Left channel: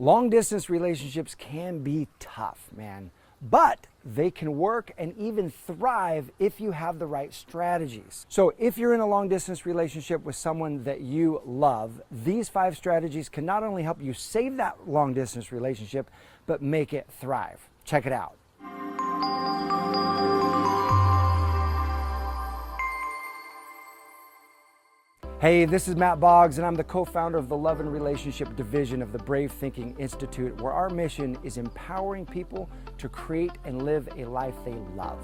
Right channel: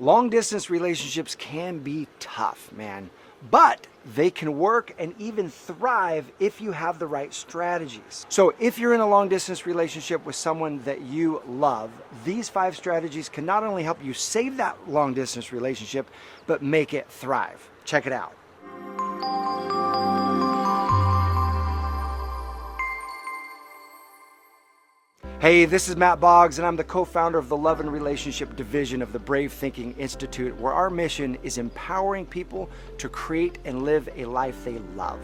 Long distance relationships can be tough, man, but they can work and even thrive if you have the right strategies. So if you're in a long distance relationship with someone that you love, these 5 strategies can not only help you save that long distance relationship, but make it thrive. Check it out. Hey, this is Matt Boggs, and I'm the co-founder of the Love and Relationship Division of the Brave Thinking Institute, where our mission is empowering people to create and live a life they love.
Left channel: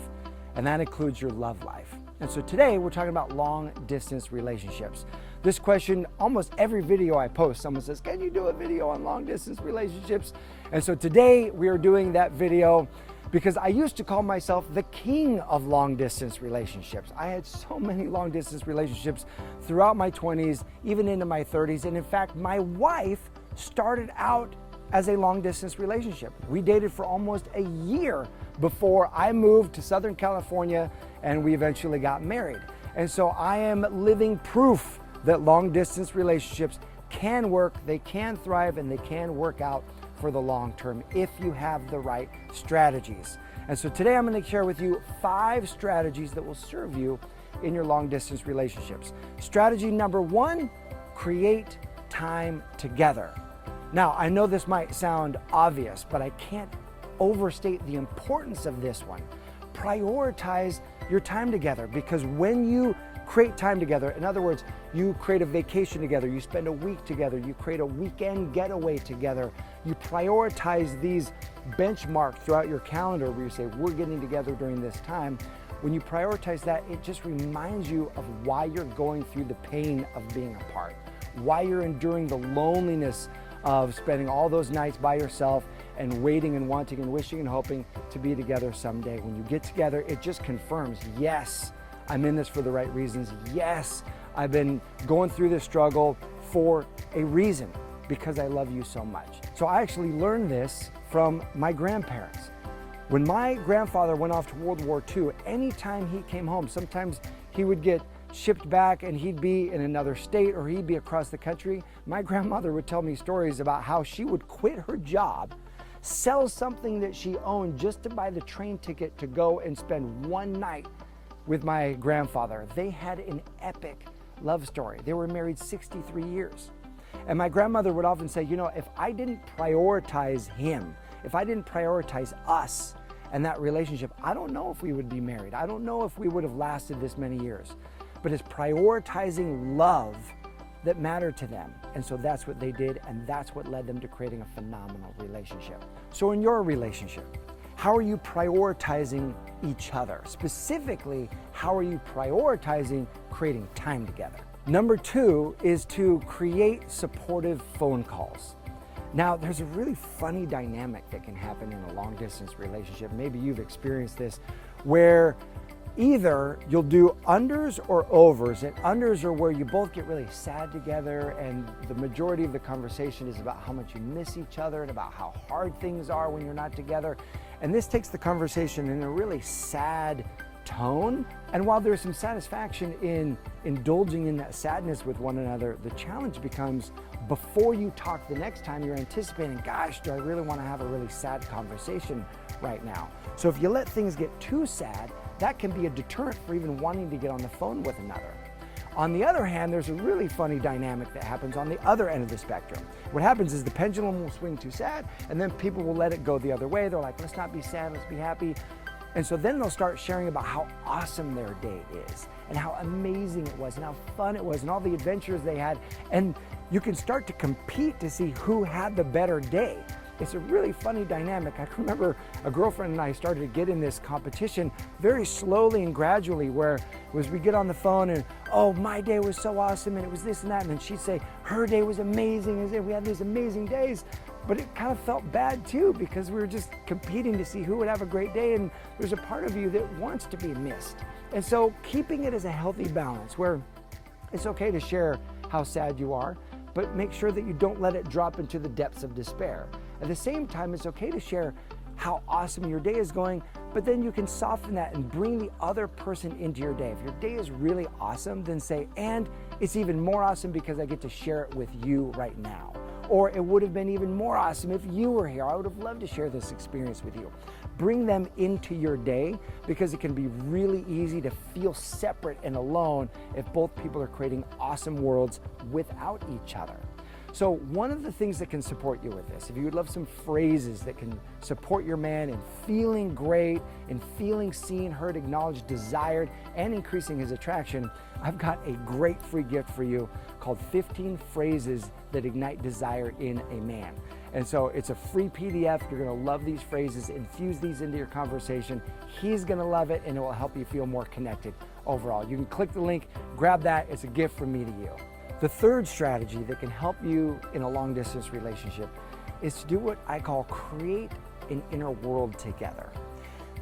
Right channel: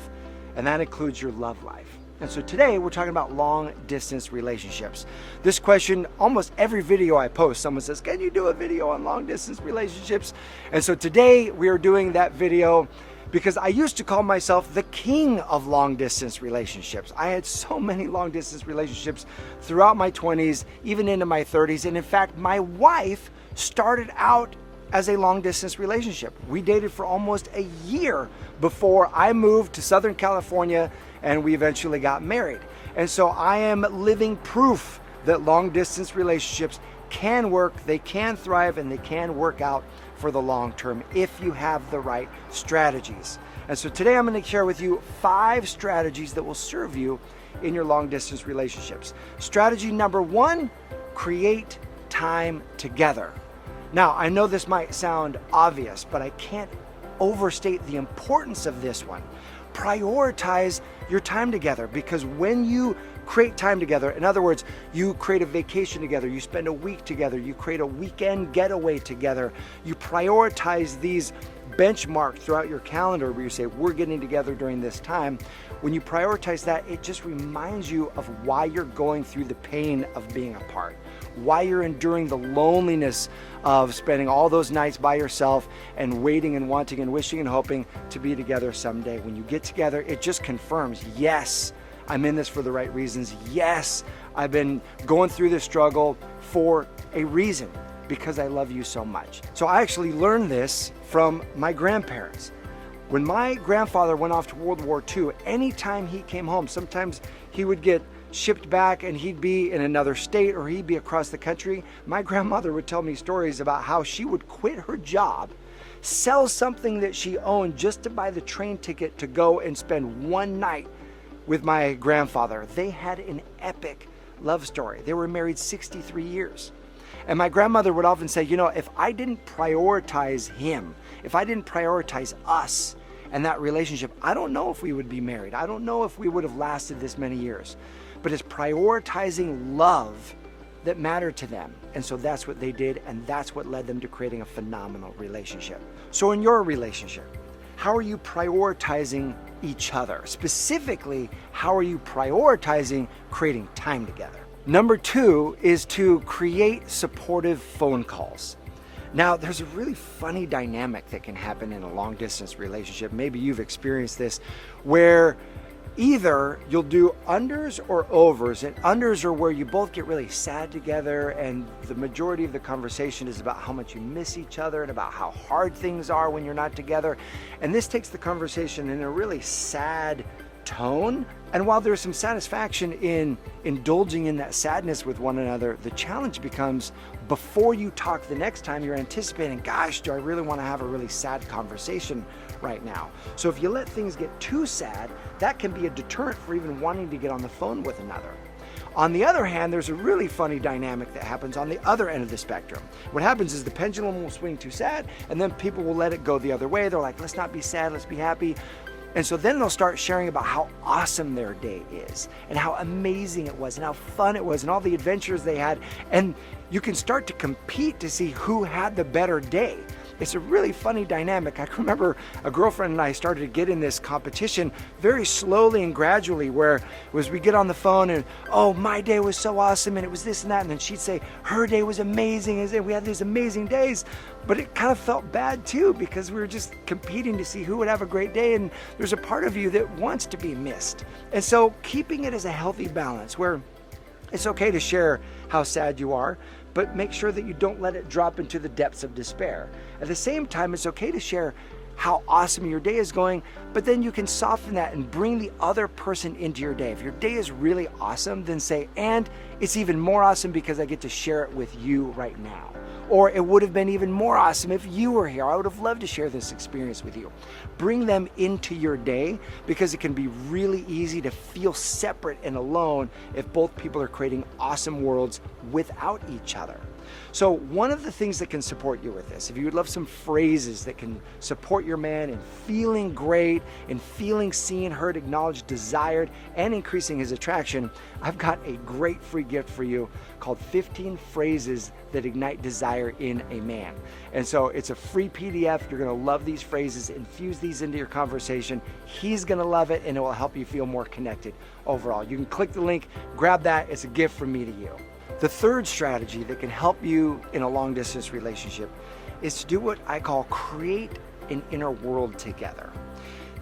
And that includes your love life. And so today we're talking about long distance relationships. This question, almost every video I post, someone says, can you do a video on long distance relationships? And so today we are doing that video because I used to call myself the king of long distance relationships. I had so many long distance relationships throughout my 20s, even into my 30s. And in fact, my wife started out as a long distance relationship. We dated for almost a year before I moved to Southern California and we eventually got married. And so I am living proof that long distance relationships can work, they can thrive, and they can work out for the long term if you have the right strategies. And so today I'm going to share with you 5 strategies that will serve you in your long distance relationships. Strategy number 1, create time together. Now, I know this might sound obvious, but I can't overstate the importance of this one. Prioritize your time together, because when you create time together, in other words, you create a vacation together, you spend a week together, you create a weekend getaway together, you prioritize these benchmarks throughout your calendar where you say, we're getting together during this time. When you prioritize that, it just reminds you of why you're going through the pain of being apart, why you're enduring the loneliness of spending all those nights by yourself and waiting and wanting and wishing and hoping to be together someday. When you get together, it just confirms, yes, I'm in this for the right reasons. Yes, I've been going through this struggle for a reason, because I love you so much. So I actually learned this from my grandparents. When my grandfather went off to World War II, anytime he came home, sometimes he would get shipped back and he'd be in another state or he'd be across the country. My grandmother would tell me stories about how she would quit her job, sell something that she owned just to buy the train ticket to go and spend one night with my grandfather. They had an epic love story. They were married 63 years. And my grandmother would often say, you know, if I didn't prioritize him, if I didn't prioritize us and that relationship, I don't know if we would be married. I don't know if we would have lasted this many years. But it's prioritizing love that mattered to them. And so that's what they did, and that's what led them to creating a phenomenal relationship. So in your relationship, how are you prioritizing each other? Specifically, how are you prioritizing creating time together? Number 2 is to create supportive phone calls. Now, there's a really funny dynamic that can happen in a long distance relationship. Maybe you've experienced this, where either you'll do unders or overs, and unders are where you both get really sad together and the majority of the conversation is about how much you miss each other and about how hard things are when you're not together. And this takes the conversation in a really sad tone. And while there's some satisfaction in indulging in that sadness with one another, the challenge becomes, before you talk the next time, you're anticipating, gosh, do I really want to have a really sad conversation right now? So if you let things get too sad, that can be a deterrent for even wanting to get on the phone with another. On the other hand, there's a really funny dynamic that happens on the other end of the spectrum. What happens is the pendulum will swing too sad, and then people will let it go the other way. They're like, let's not be sad, let's be happy. And so then they'll start sharing about how awesome their date is and how amazing it was and how fun it was and all the adventures they had. And you can start to compete to see who had the better day. It's a really funny dynamic. I remember a girlfriend and I started to get in this competition very slowly and gradually, where it was we get on the phone and, oh, my day was so awesome and it was this and that. And then she'd say her day was amazing and we had these amazing days. But it kind of felt bad too, because we were just competing to see who would have a great day. And there's a part of you that wants to be missed. And so keeping it as a healthy balance where it's okay to share how sad you are, but make sure that you don't let it drop into the depths of despair. At the same time, it's okay to share how awesome your day is going, but then you can soften that and bring the other person into your day. If your day is really awesome, then say, and it's even more awesome because I get to share it with you right now. Or it would have been even more awesome if you were here. I would have loved to share this experience with you. Bring them into your day, because it can be really easy to feel separate and alone if both people are creating awesome worlds without each other. So one of the things that can support you with this, if you would love some phrases that can support your man in feeling great, in feeling seen, heard, acknowledged, desired, and increasing his attraction, I've got a great free gift for you called 15 Phrases That Ignite Desire in a Man. And so it's a free PDF. You're going to love these phrases. Infuse these into your conversation. He's going to love it, and it will help you feel more connected overall. You can click the link, grab that. It's a gift from me to you. The third strategy that can help you in a long-distance relationship is to do what I call create an inner world together.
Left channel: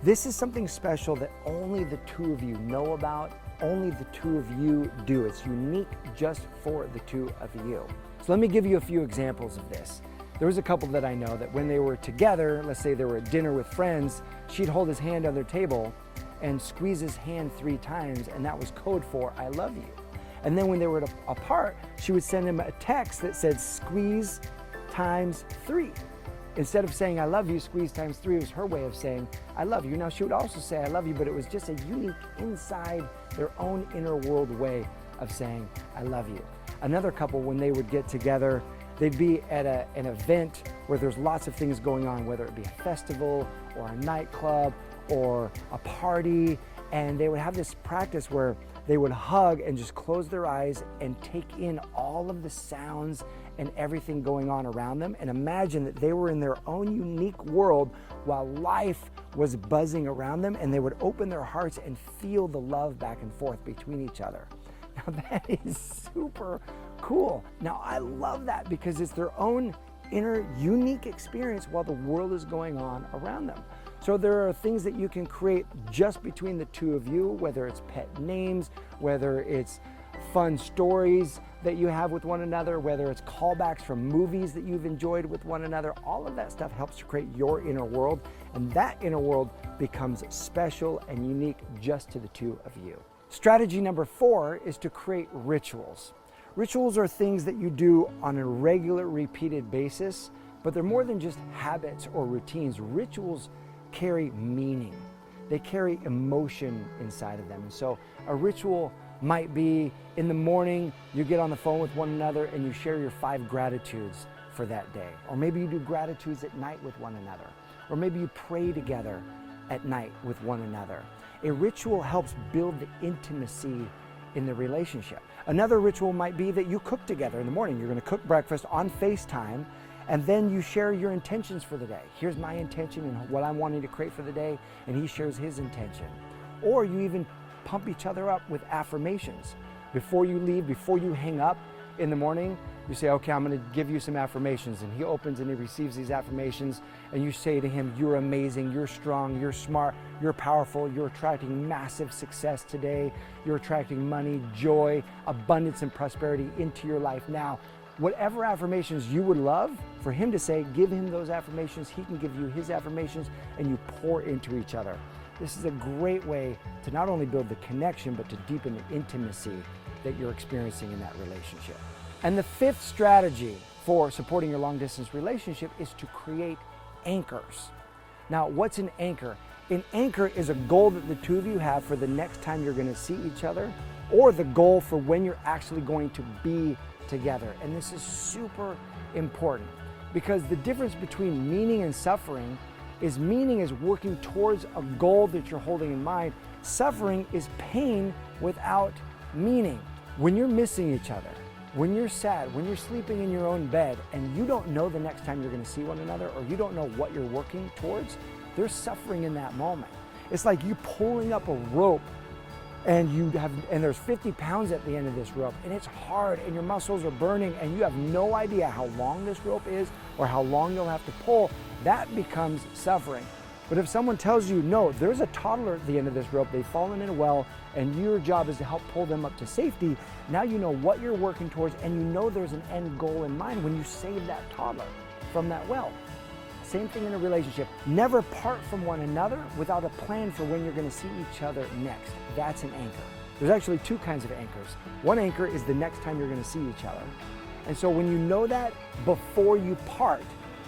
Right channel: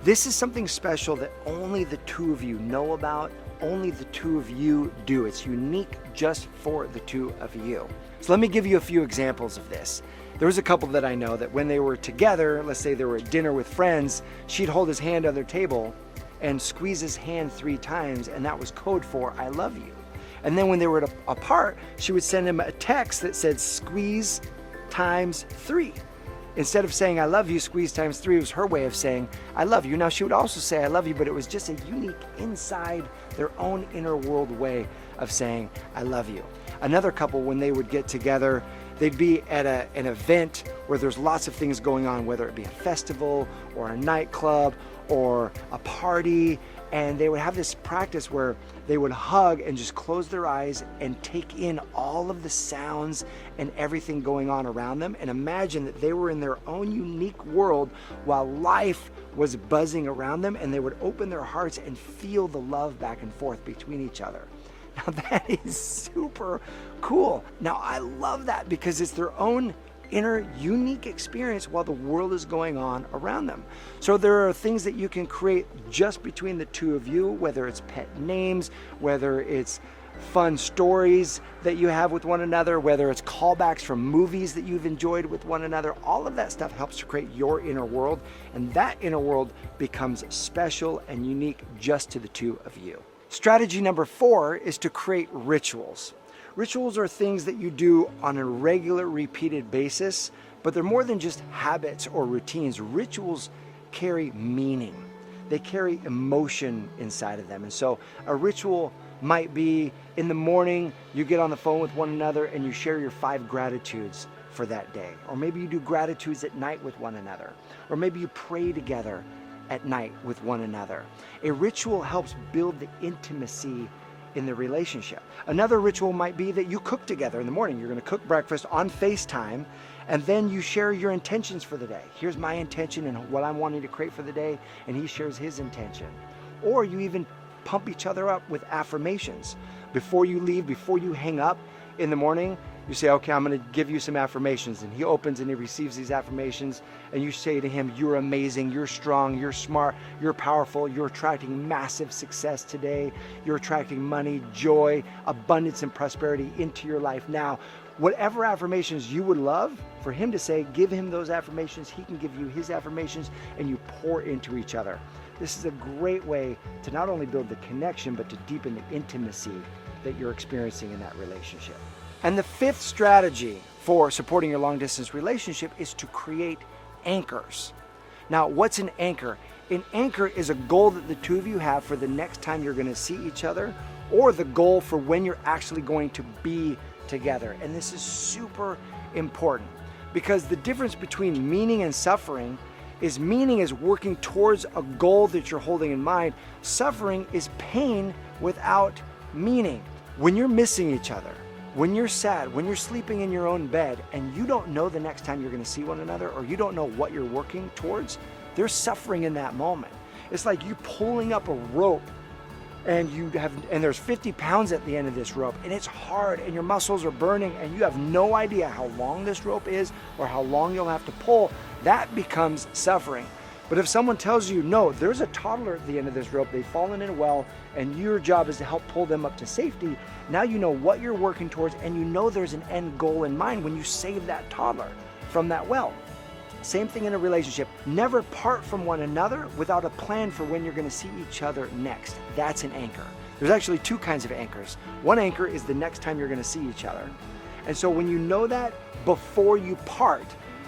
This is something special that only the two of you know about, only the two of you do. It's unique just for the two of you. So let me give you a few examples of this. There was a couple that I know that when they were together, let's say they were at dinner with friends, she'd hold his hand on their table and squeeze his hand 3 times, and that was code for I love you. And then when they were apart, she would send him a text that said squeeze times 3. Instead of saying I love you, squeeze times 3 was her way of saying I love you. Now she would also say I love you, but it was just a unique inside their own inner world way of saying I love you. Another couple, when they would get together, they'd be at an event where there's lots of things going on, whether it be a festival or a nightclub or a party, and they would have this practice where they would hug and just close their eyes and take in all of the sounds and everything going on around them, and imagine that they were in their own unique world while life was buzzing around them, and they would open their hearts and feel the love back and forth between each other. Now that is super cool. Now I love that because it's their own inner unique experience while the world is going on around them. So there are things that you can create just between the two of you, whether it's pet names, whether it's fun stories that you have with one another, whether it's callbacks from movies that you've enjoyed with one another. All of that stuff helps to create your inner world, and that inner world becomes special and unique just to the two of you. Strategy number 4 is to create rituals. Rituals are things that you do on a regular, repeated basis, but they're more than just habits or routines. Rituals carry meaning. They carry emotion inside of them. And so a ritual might be in the morning, you get on the phone with one another and you share your 5 gratitudes for that day. Or maybe you do gratitudes at night with one another. Or maybe you pray together at night with one another. A ritual helps build the intimacy in the relationship. Another ritual might be that you cook together in the morning. You're going to cook breakfast on FaceTime, and then you share your intentions for the day. Here's my intention and what I'm wanting to create for the day, and he shares his intention. Or you even pump each other up with affirmations. Before you leave, before you hang up in the morning, you say, okay, I'm going to give you some affirmations. And he opens and he receives these affirmations, and you say to him, you're amazing, you're strong, you're smart, you're powerful, you're attracting massive success today, you're attracting money, joy, abundance, and prosperity into your life now. Whatever affirmations you would love for him to say, give him those affirmations. He can give you his affirmations, and you pour into each other. This is a great way to not only build the connection, but to deepen the intimacy that you're experiencing in that relationship. And the 5th strategy for supporting your long-distance relationship is to create anchors. Now, what's an anchor? An anchor is a goal that the two of you have for the next time you're going to see each other, or the goal for when you're actually going to be together. And this is super important, because the difference between meaning and suffering is meaning is working towards a goal that you're holding in mind. Suffering is pain without meaning. When you're missing each other, when you're sad, when you're sleeping in your own bed, and you don't know the next time you're going to see one another, or you don't know what you're working towards, there's suffering in that moment. It's like you pulling up a rope, and there's 50 pounds at the end of this rope, and it's hard, and your muscles are burning, and you have no idea how long this rope is or how long you'll have to pull. That becomes suffering. But if someone tells you, no, there's a toddler at the end of this rope, they've fallen in a well, and your job is to help pull them up to safety, now you know what you're working towards, and you know there's an end goal in mind when you save that toddler from that well. Same thing in a relationship. Never part from one another without a plan for when you're going to see each other next. That's an anchor. There's actually 2 kinds of anchors. One anchor is the next time you're going to see each other. And so when you know that before you part,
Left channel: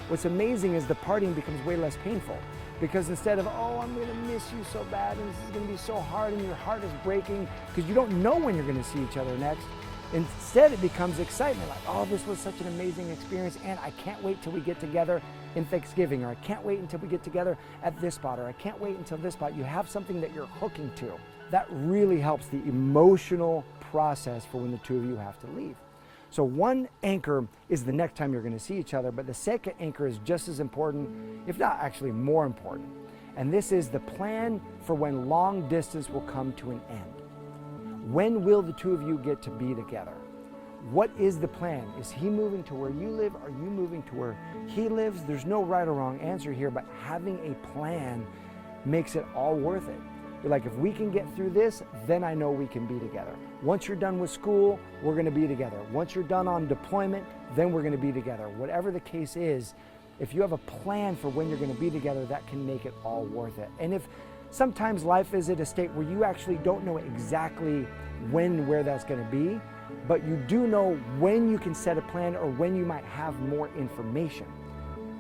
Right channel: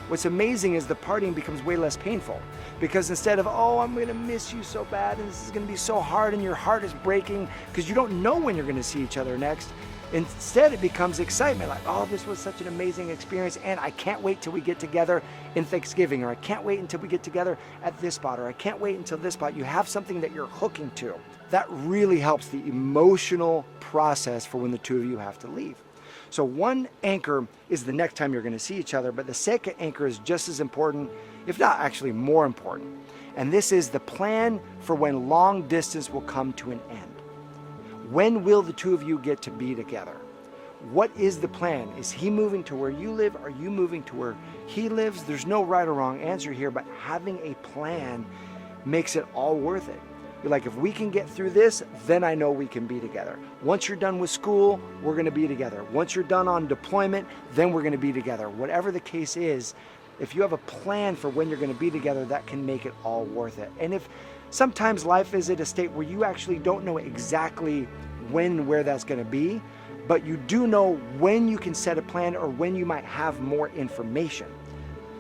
what's amazing is the parting becomes way less painful. Because instead of, oh, I'm going to miss you so bad, and this is going to be so hard, and your heart is breaking because you don't know when you're going to see each other next, instead it becomes excitement. Like, oh, this was such an amazing experience, and I can't wait till we get together in Thanksgiving, or I can't wait until we get together at this spot, or I can't wait until this spot. You have something that you're hooking to. That really helps the emotional process for when the two of you have to leave. So one anchor is the next time you're going to see each other, but the second anchor is just as important, if not actually more important. And this is the plan for when long distance will come to an end. When will the two of you get to be together? What is the plan? Is he moving to where you live? Are you moving to where he lives? There's no right or wrong answer here, but having a plan makes it all worth it. You're like, if we can get through this, then I know we can be together. Once you're done with school, we're going to be together. Once you're done on deployment, then we're going to be together. Whatever the case is, if you have a plan for when you're going to be together, that can make it all worth it. And if sometimes life is at a state where you actually don't know exactly when, where that's going to be, but you do know when you can set a plan or when you might have more information.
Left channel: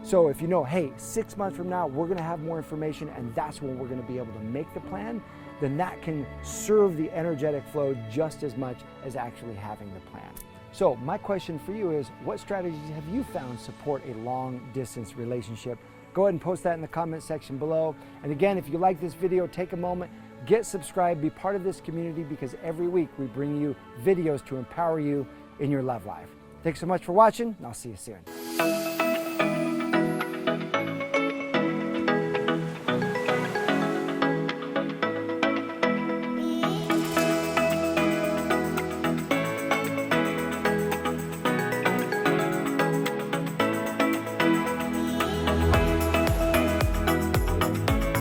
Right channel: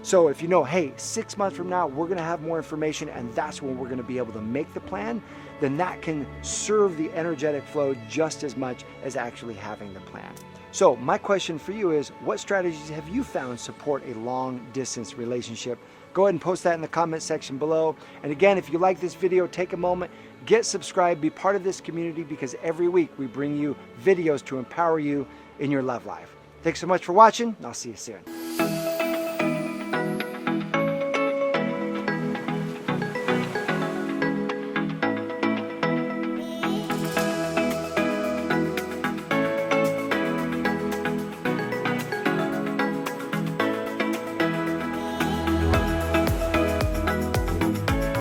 So if you know, hey, 6 months from now, we're going to have more information and that's when we're going to be able to make the plan, then that can serve the energetic flow just as much as actually having the plan. So my question for you is, what strategies have you found support a long distance relationship? Go ahead and post that in the comment section below. And again, if you like this video, take a moment, get subscribed, be part of this community, because every week we bring you videos to empower you in your love life. Thanks so much for watching, and I'll see you soon.